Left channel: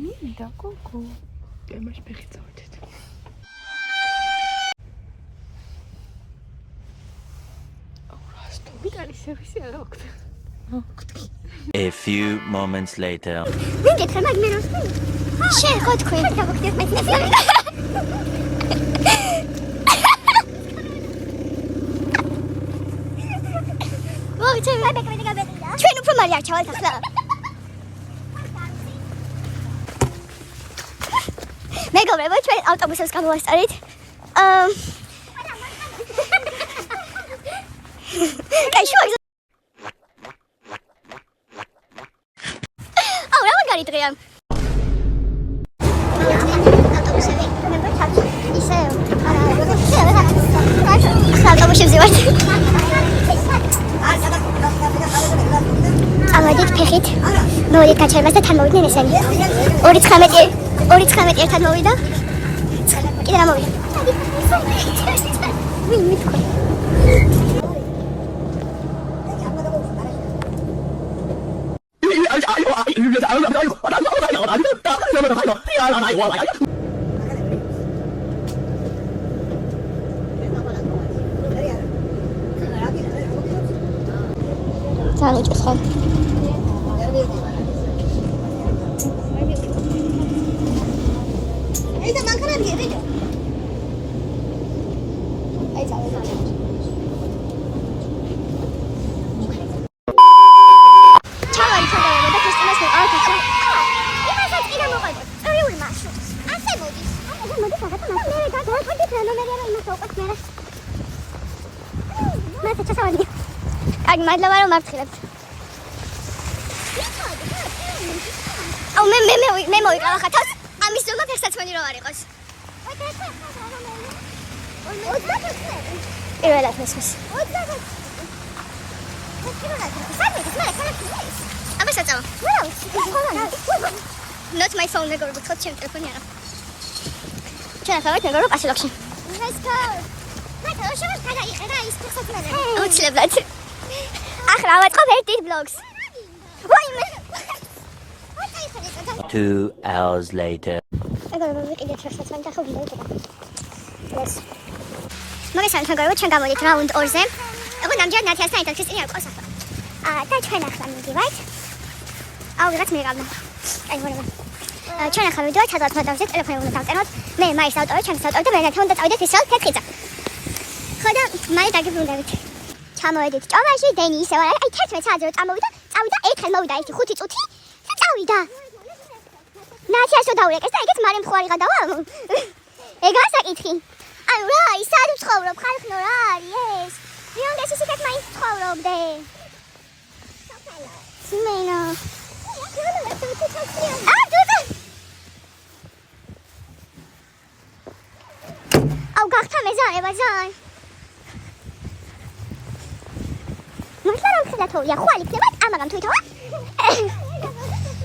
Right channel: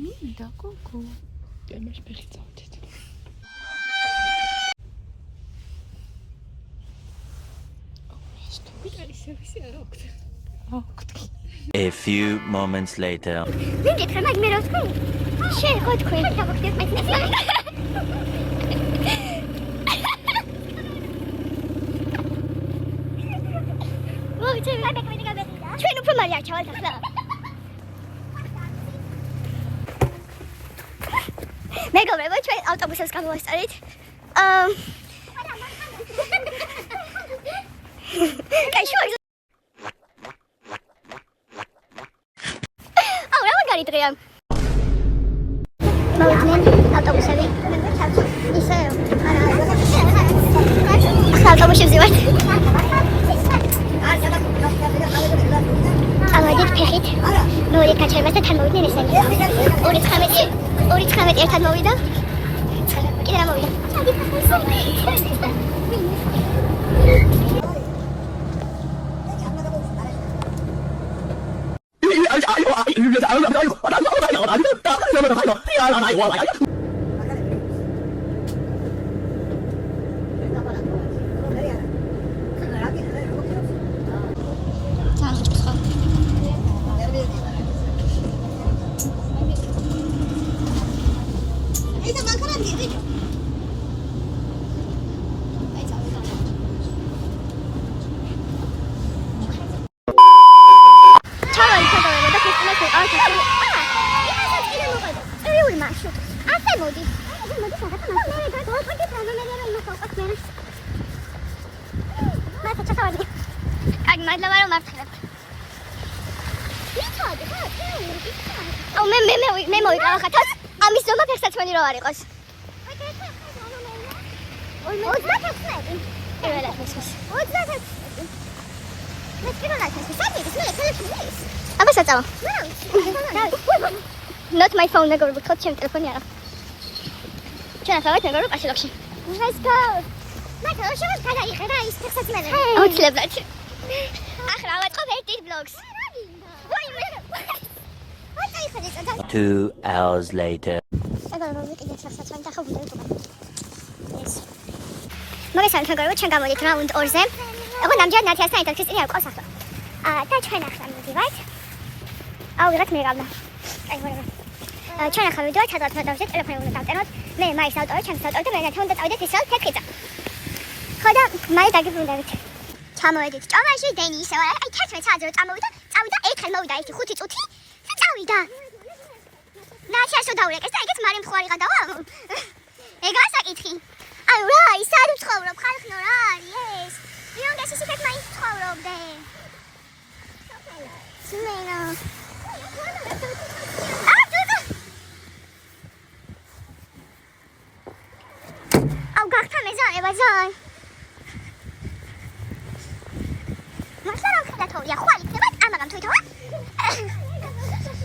მინდა გოგო. იმას ფეხიცავდით. A few moments later. Vinket mag me rozkaj. Še hod koj. ჩვენ უფრო მალე არჩავალთ ახლა. მეგობრებო, ჩვენ ავტობუსებს გამოვასწარით. კაი შუაზე. რა მაგარი დღეა. მოვიდნენ ავტობუსები. მე ჩავჭი. ისე ავტობუსებზე ვარ. ამოდით ფეხით. მოვიდეთ დაჩერებას და თან მოვიდნენ ესენი. 2.19 ერთად მოვიდა. კიდე რა მოვიდა. მე მოვიყავ ხათას ამის ზომა ფეხსაცმელი რო არ იყოს. პირველად მესმის. აბა საწავა. Not my phone, მეგობრებო, თქო ჩემ ტელეფონი არა. ჩვენ ახლა ვართ მეგობრებო პასილოქში. Let's go. მაგრამ შევას ყველა იყირა ის ფეხსაცმელი. აუცილებლად. ახლა ავაწყობ ერთი ბლოგს. ვაიმე. 2 hours later. მეგობრებო, კიდე ფეხსაცმელი და ხო ვიდა უტყვა. ეს. მოგესალმებით მეგობრებო, ჩვენ გამოდით რაუნდ 2-ზე. εγώ ნამდვილად ნათიასთან ერთად ქრისტიანი არ ყავს ახლა. და ჩვენ ახლა მივიდივართ. ვიღაც მიყავდა. აი ვერა. ჩვენ ახლა მივიდივართ სადღაც მოდავზე ტელეფონი უნდა დავწეროთ. მე მაის ავტორი, ჩემს ავტორი და მე ნათან უნდა წავიდეთ ისევ თეთრიცა. ხო და მალე დაგიბრუნდებით. ჩამოვედით ჭოვაში, დენი ისევ აი 11 საათზე რომ წამოვიდა, ერთხელ მოვიდა ერთი 5 წუთი და წავიდა. ნათიასო დაურეკეს და ეგეც მალე მხარი გადავა. ეგაა საკითხი. ანუ რა, ის არ ვცხოვრობ, ხალხო რა არის ეს? იუნგეს ისეთ მაინც ცხოვრობდე. სიმენა. აუ გახთა მეზარება ზაი. მუშაობ ხდათოა, ხვალ იქნება, ამაგამ თვითონ.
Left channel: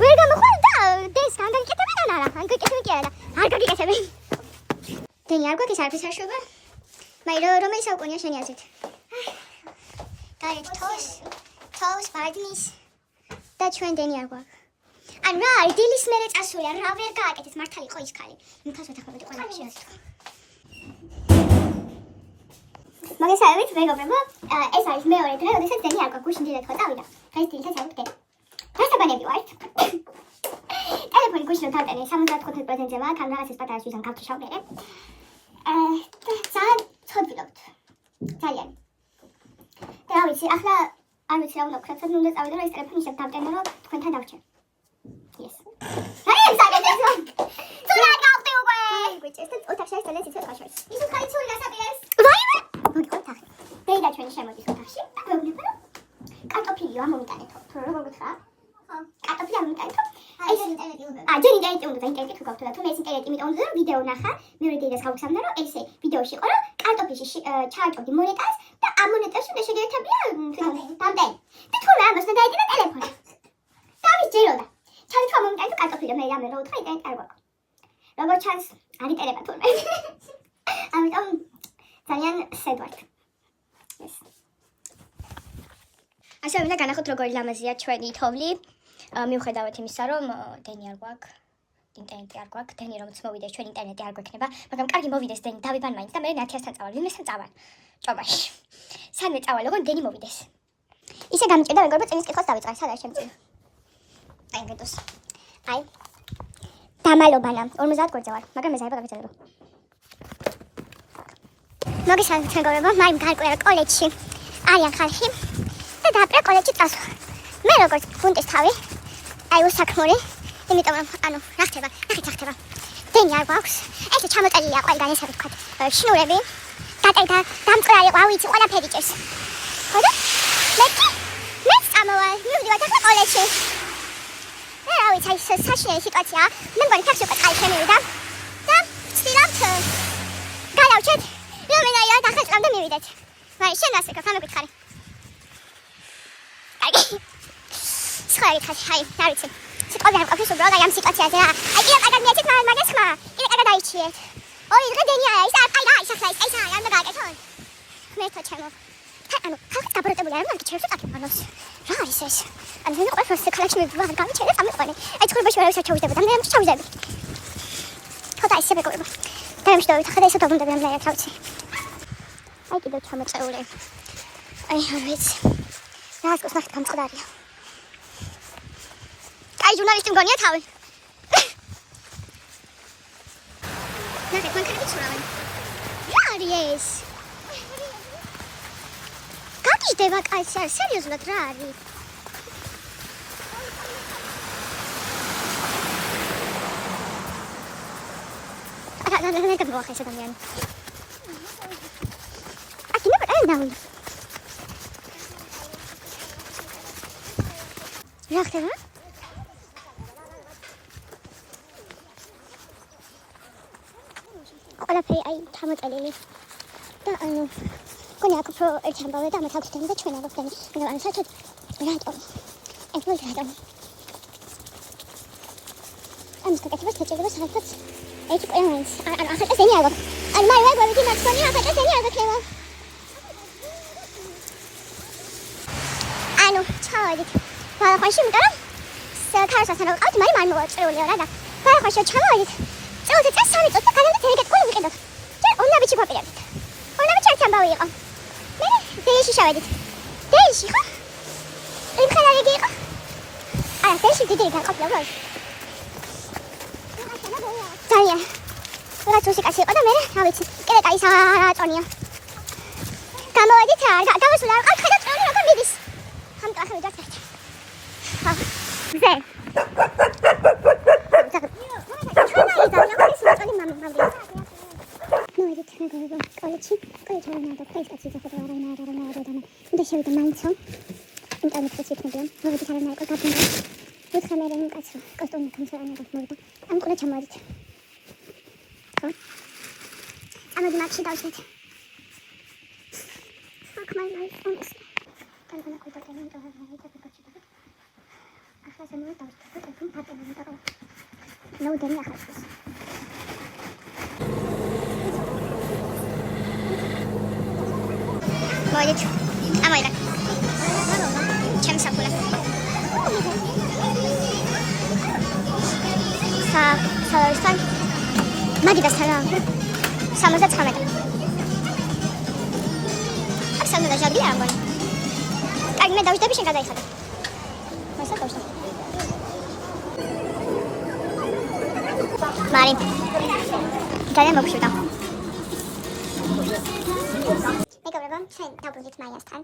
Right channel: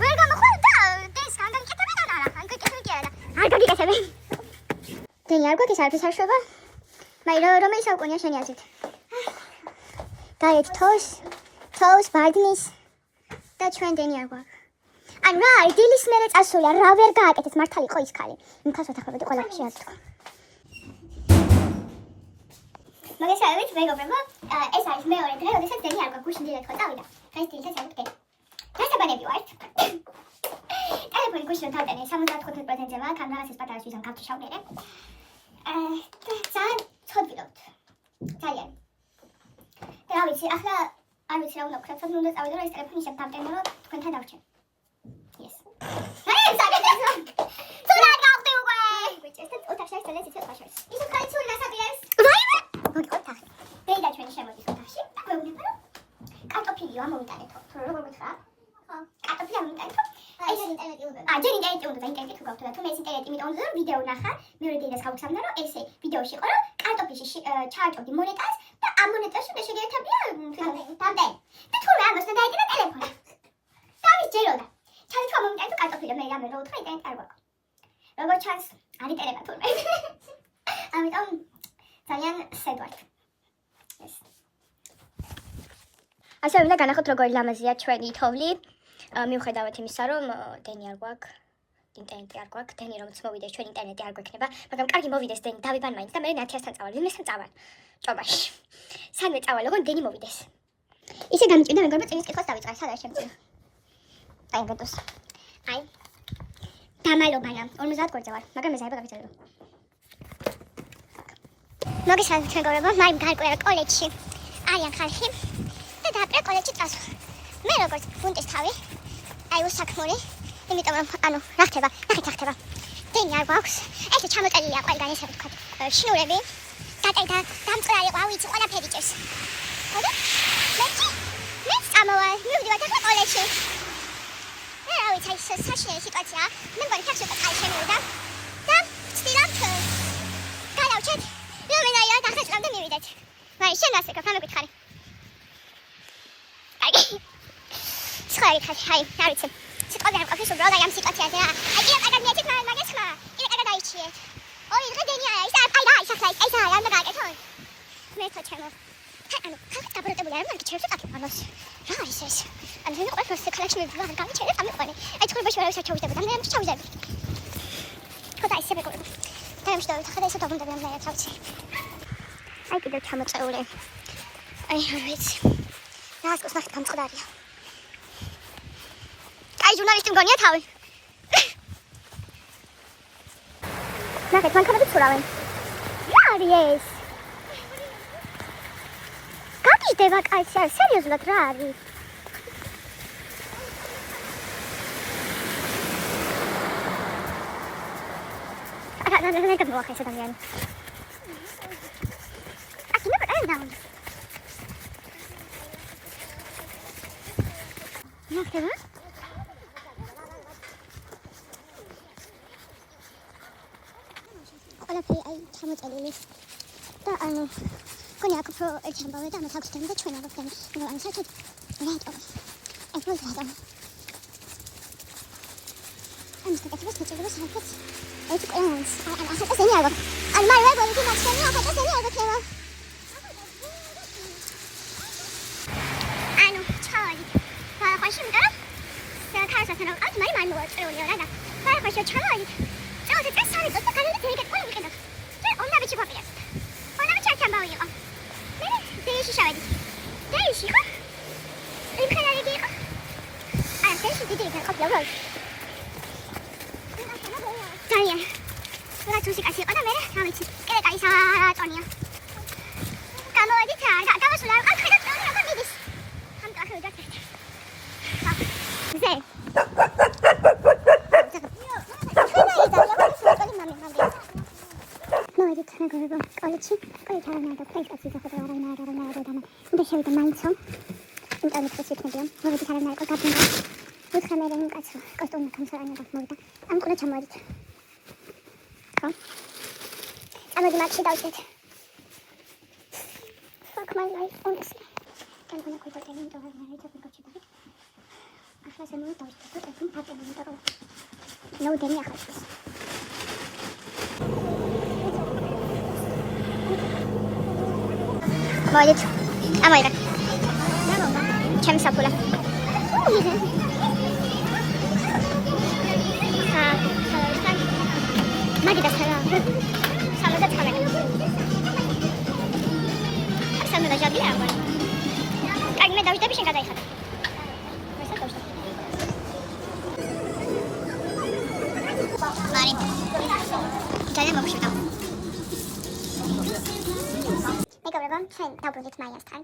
ვერ გამოხვალ და დეს განგაკეთებენ ან არა? განგაკეთებენ კი არა. არ გაგიკეთებენ. დენი არ გვაქვს არაფერს არ შვება? მაირო რომელი საუკუნეა შენი აზრით? დაეთ თოს ბაგნის და ჩვენ დენი არ გვაქვს. ანუ რა, დილის მერე წასულია, რა ვერ გააკეთეს, მართალი იყო ის ქალი. იმ ქალს ვეთახმები ყველაფერში არ თქვა. მოგესალმებით მეგობრებო, ეს არის მეორე დღე, როდესაც დენი არ გვაქვს, გუშინ დილით ხო წავიდა. დღეს დილით წავიდა. დასაბანები ვართ. ტელეფონი გუშინ დავტენე 75%-ზე ვარ, ამ რაღაცის პატარა შვილთან გავთშავდერე. ძალიან ცოდვილობთ. ძალიან. რა ვიცი, ახლა არ ვიცი რა უნდა ვქნათ, ცოტა უნდა წავიდე, რომ ეს ტელეფონი ისევ დავტენე, რომ თქვენთან დავჭერ. Yes. აი, საგეთესო. ცოტა გავხდი უკვე. გვიჭერს და ოთახში არის ძალიან ცოტა ხაშას. ის ხაი ცული დასადიეს. რაიმე? მოგიყავ თახი. დეი და ჩვენი შემოდის ოთახში. და გვეუბნება რომ კარტოფილიო ამომიტანეთო. თუ როგორ გითხრა? ხო. კარტოფილი ამომიტანეთო. ეს ინტერნეტი უნდა. ჯერ ინტერნეტი უნდა, ინტერნეტი თუ გავთო და თუ მე ეს ინტერნეტი მიტოვ უნდა ვიდეო ნახა, მეორე დილას გავუხსნა რომ ესე ვიდეოში იყო რომ კარტოფილში ჩააჭოდი მონეტას და ამ მონეტაში მე შეგერთებია დამდენი. და თუ რა ამას დაიჭირა ტელეფონი. და ამის ჯეროდა. ჩავით რომ მომიტანე კარტოფილი მე რამე რო უთხრა ინტერნეტი არ გვაქვს. როგორ ჩანს არ იტელება თურმე. ამიტომ ძალიან სედვართ. ეს. ასე მინდა განახოთ როგორი ლამაზია ჩვენი თოვლი. მიუხედავად იმისა, რომ დენი არ გვაქვს, ინტერნეტი არ გვაქვს, დენი რომ მოვიდეს ჩვენ ინტერნეტი არ გვექნება, მაგრამ კარგი მოვიდეს დენი, დავიბან მაინც და მე 1000-თან წავალ, ვინმესთან წავალ. ჭობაში. სანვე წავალ, ოღონდ დენი მოვიდეს. ისე გამიჭირდა მეგობრებო წინის კითხვას დავიწყე, სად არის ჩემი წინი? აი ვეტოს. აი. დამალობანა, 50 გვერდზე ვარ, მაგრამ მეზარება გავიწერო. მოგესალმებით მეგობრებო, მაიმ გარკვეულ კოლეჯში არიან ხალხი და დააპრა კოლეჯში წასვლა. მე როგორც გუნდის თავი, აი უსაქმური, იმიტომ რომ რა ხდება, ნახეთ რა ხდება. დენი არ გვაქვს, ეს ჩამოწელილია ყველგან ესე ვთქვათ, შნურები, და დამწვრალი ყვა, ვიცი, ყველაფერი ჭერს. ხოდა? მე წამოვალ, მივდივარ ახლა კოლეჯში. რა ვიცი, ეს საშინელი სიტუაცია. მე მგონი თავს უკვე კაი შემივიდა და ვცდილობთ გადავჭეთ, რომელია და ახლა წამდე მივიდეთ. ვაი, შენ ასე გქა მეკითხარი. აი. სხალი ხარ, აი, რა ვიცი. სიტყვაზე არ ყოფილს უბრალოდ ამ სიტუაციაზე რა. აი, კიდევ კარგად მიეცეთ მაგას ხმა. კიდევ კარგად აიჩიეთ. ოი, დღე დენია, ის აი რა, ის ახლა ეს არ უნდა გააკეთონ. მე ხო ჩემო. ანუ, ხალხი დაბოროტებული არ მაგ ჩერს აკეთებანოს. რა არის ეს? ანუ ვინ ყოველთვის ქალაქში მივდივარ, გამიჩერე წამიყვანე. აი, ცხოვრებაში ვერავის არ ჩავიდებოდა, მე ამის ჩავიძები. ხოდა ისე მეგობრებო. დამშდოვით, ხოდა ისე დავუნდები ამ ლაიაც, რა ვიცი. აი, კიდევ ჩამოწეული. აი, რა ვიცი. რას გოს ნახეთ გამწყდარია. აი, ჟურნალისტი მგონია თავი. ნახეთ, მანქანები ცურავენ. რა არის ეს? გაგიჟდება კაცი, არ სერიოზულად რა არის? რა მოახერხე ეს ადამიანი? აკი მე არ დავი. რა ხდება? ყველაფერი აი ჩამოწელილი და ანუ გონი აქ უფრო ერთი ამბავე და მათ აქვს დემი და ჩვენ არ აქვს დემი. ანუ საერთოდ რატომ? ეს რო რატომ? ამის კეთებას შეჭირდება საერთოდ ეს ყველანს. ანუ ახლა ეს დენი არ გვაქვს. ანუ მე ვეუბნები მაცონი ახლა ეს დენი არ გვექნება. ანუ ჩავედით. ბალახაში მიტანამ ქარასასთან ვიყავთ, მაგრამ არ მოვაწეულია რა და ბალახაში ჩავედით. წელზე წას სამი წუთი გადავიდეთ ეგეთ ყვი ვიყიდოთ. და უნაბიჩი გვაპირებთ. უნაბიჩი ერთი ამბავი იყო. მე დეიში შევედით. დეიში ხო? იმ ხალხი იყო. არა, დეიში დიდი დაყოფილა უბრალოდ. ძალიან. რა თქმა უნდა, იყო და მე რა ვიცი, კიდე კაი საწონია. გამოვედით რა, გამოსულა, აქ ხედავთ რა მიდის. ამ კახები დაგეთ. ზე. მოვიდით მეგობრებო, კოლეჯში არ უნდა ფეისბუქში ზოგადად არ უნდა და შევიდე მაინცო ინტერნეტში ვთქვი, მოვიდით არ უნდა გაგინდა ვითხე მე რომ კაცო კოსტუმი კონსერვანად მოვიდა ამ კოლეჯში მოვიდით ხო? ამაზე მაგში დავიწყეთ fuck my life honestly I'm gonna go back and do it and I just got you ახლა ზემოთ დავიწყეთ და თუ პატენტი და ნუ დენი ახლა მოვიდით ამოიღე ჩემი საფულა სალარისთან მაგიდა სალამ 79 აქ სამედა ჟაბია ამბანი კარგი მე დავიწყები შენ გადაიხადე მასა დავსა მარი ძალიან მოგშვიდა მეგობრებო, ჩვენ დავბრუნდით მაიასთან,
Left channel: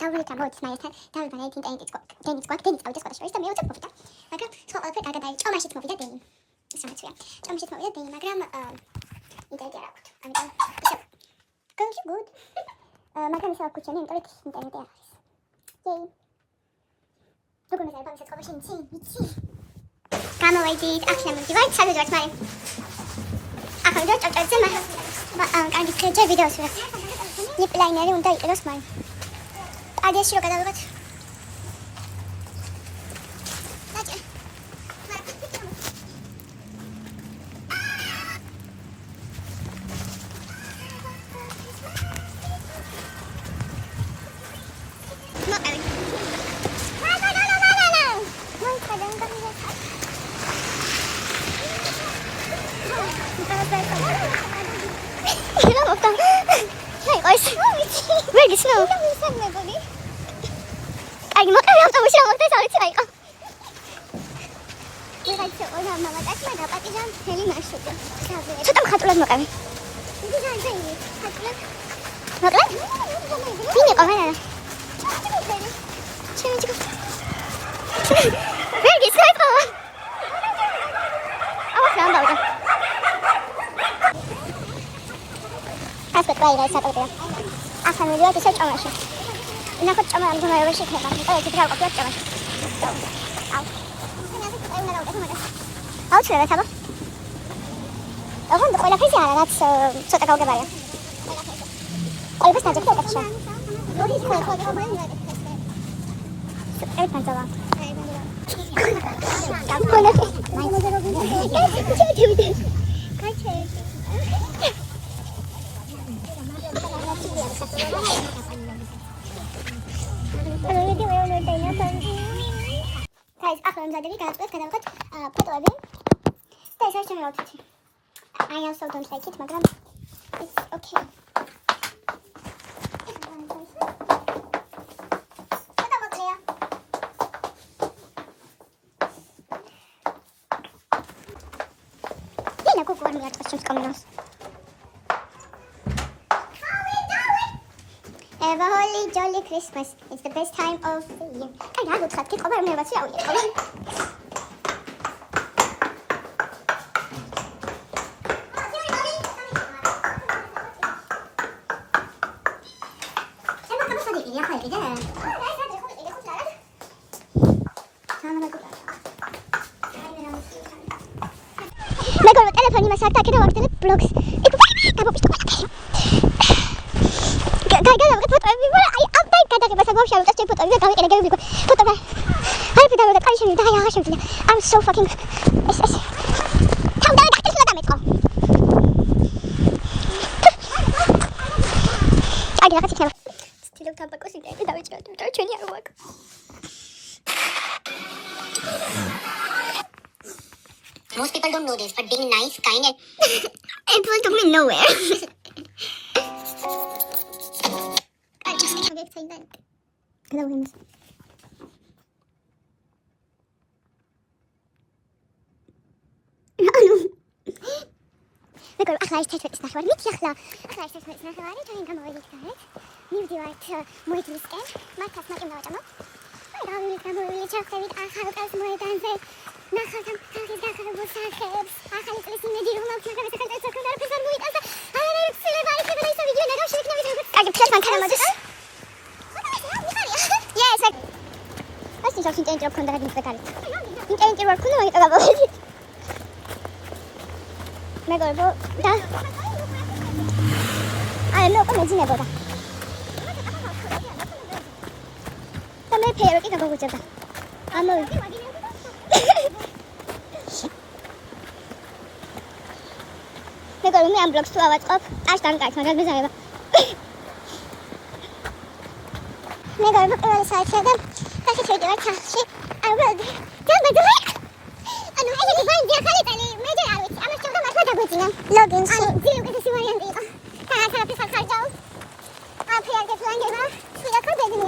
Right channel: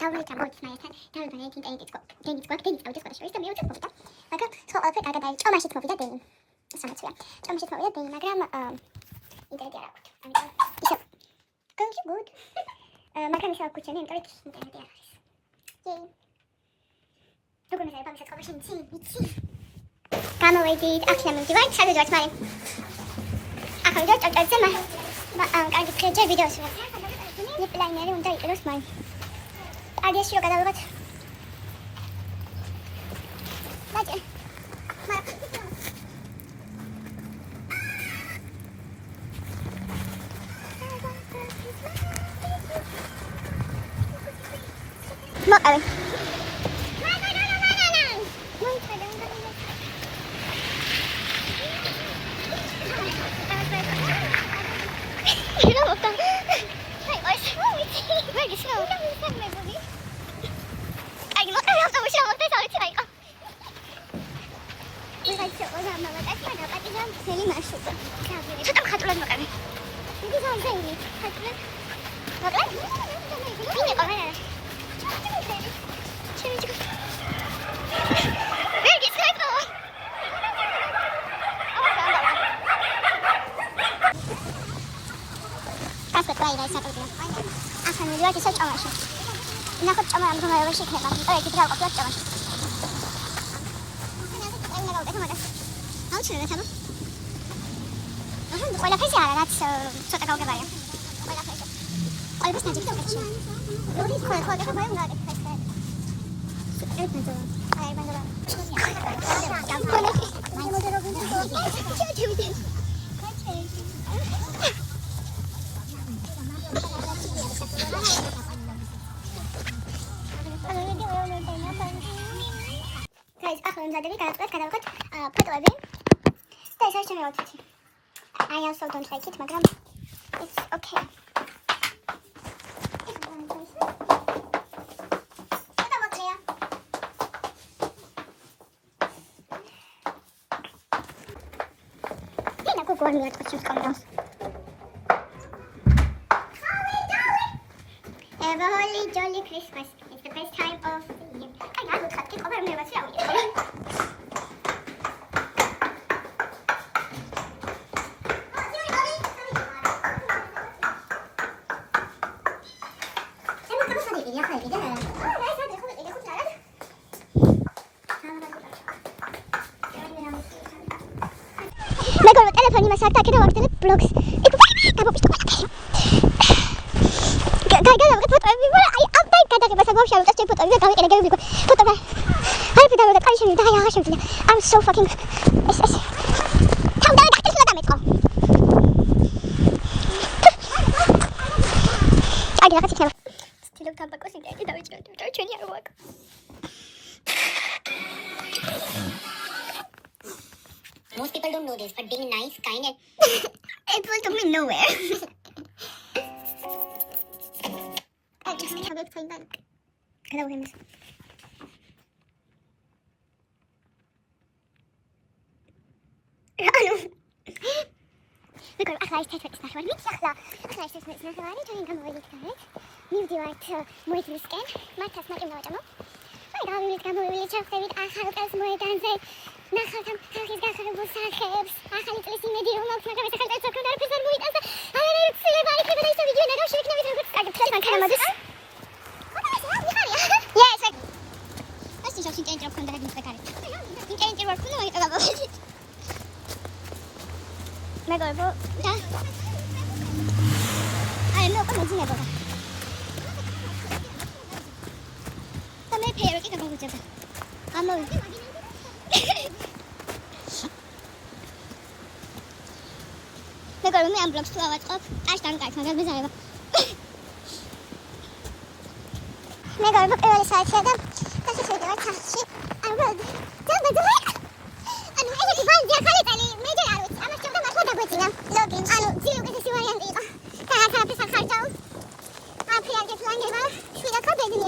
დავბრუნდით ამბოთის მაიასთან, დავიბანეთ ინტერნეტიც გვაქვს, დენიც წავიდა სკოლაში და მე უწევ მოვიდა. მაგრამ სხვა ყველაფერი კარგად არის. ჭომაშიც მოვიდა დენი. სამაცვია. ჭომაშიც მოვიდა დენი, მაგრამ ინტერნეტი არ აქვს. ამიტომ ისე going good. მაგრამ ისე აქვს ჩემი ინტერნეტი არ არის. იეი. როგორ მეზარება მის სკოლაში იცი? გამოვედით, აქლა მივდივართ, სადაც ვართ მარი. ახლა ვიდეო წავწერე კარგი ხეჭე ვიდეოს ვიღებ. იპლაინერი უნდა იყიდოს მარი. ადიასში რო გადავიღოთ. მაჭე. მოყავი. რა მოხდა? ეს ვეგის ნო. აი მოყევი ავტობუსი მოხდა საერთოდ აიყო. იღაცა ყველა მამაკაცი დაპატიჟა მთელი მარშრუტი. ცოტა მხატვრულად მოყევი. იგი ზაიზე ხატია. მოკლედ? ვინ იყო რა? ჩენჩიკო. ვეგის აიყო. ასეთ გაიგე საკუთრება. ახლა მივიდეთ ისე ჭამაში. ნახოთ ჭამა ამ გუნდში ხება. ეს ძრავა კი ჭამაში. აუ. აუ შეიძლება თაბა. ოღონდ ყველაფერზე არა, რაც ცოტა გავგებარია. ყველაფერს ნაჯახი უკეთშია. მოდი ხოლმე მაგ ეს თანცავა. აი ბანდა. ყველაფერს. Guys, ახლა მზადები გადავწყვეტ ფოტოები და ეს არის ჩემი აუთფიტი. I also don't like it, მაგრამ it's okay. ფოტო მოკლეა. დინა გოგო არ მიაწყოს ჩემს კამერას. Have a holy jolly Christmas. It's the best time of the year. I have it. Keep over me. What's your მეგობრებო, ტელეფონი მას არ დაკეთა ვაგრძელებ ბლოგს. გადავიღე ფოტოები, აი ამბაი გადაღებას აღვშავ, უწევს ჩემ ფოტოები და გავიყენე გები ფოტოები. აი ფიდავდა კარი შემივიდა, აი აღარ შემიძლია. I'm so fucking ეს თავდავე დახტესლა დამეწყო. აი რაღაც იქნება. სტილო თაბაკოს იდეები დავიჭიროთ, იმიტომ რომ ჩვენი არ ვაკ. Most people don't know this, but being nice, kind and it will take me nowhere. Hello, Henry. Look, ახლა ის თეთრი ნახევარი, მითი ახლა ის თეთრი ნახევარი, ჩვენ გამოვიდეთ. მივდივართ მოედნისკენ, მართაც მარტივ დავაჭამო. აი, გამოვიდეთ, ჩავხდებით ახალ კაც მოედანზე. ნახავთ ამ ხალხის გახარებულ სახეებს. ახალი წლის იმედი რომ აქვს, მაგრამ ეს ახალი წელი საკუთარ არაფერს არ მოიტანს და არ ცდილება იქნება და ისე ვიდეო ნადავ შეექნებით როგორც კარგი ფლეს მანქანა მოდის. Yes, like I think something change up on the head of the car. You change your work on the way about it. Mega go. I know come on, Zina. Come here, pair it go with you. I'm on. Mega me am blocks to our up. I stand like my business. Mega look at the side here. That's it. You're touchy. I will. Tell me the way. And I have to find your quality. Major out. I'm not sure how much I'm going to log in. I don't see what I'm doing. I have to find out. I'm here to find out. See the company.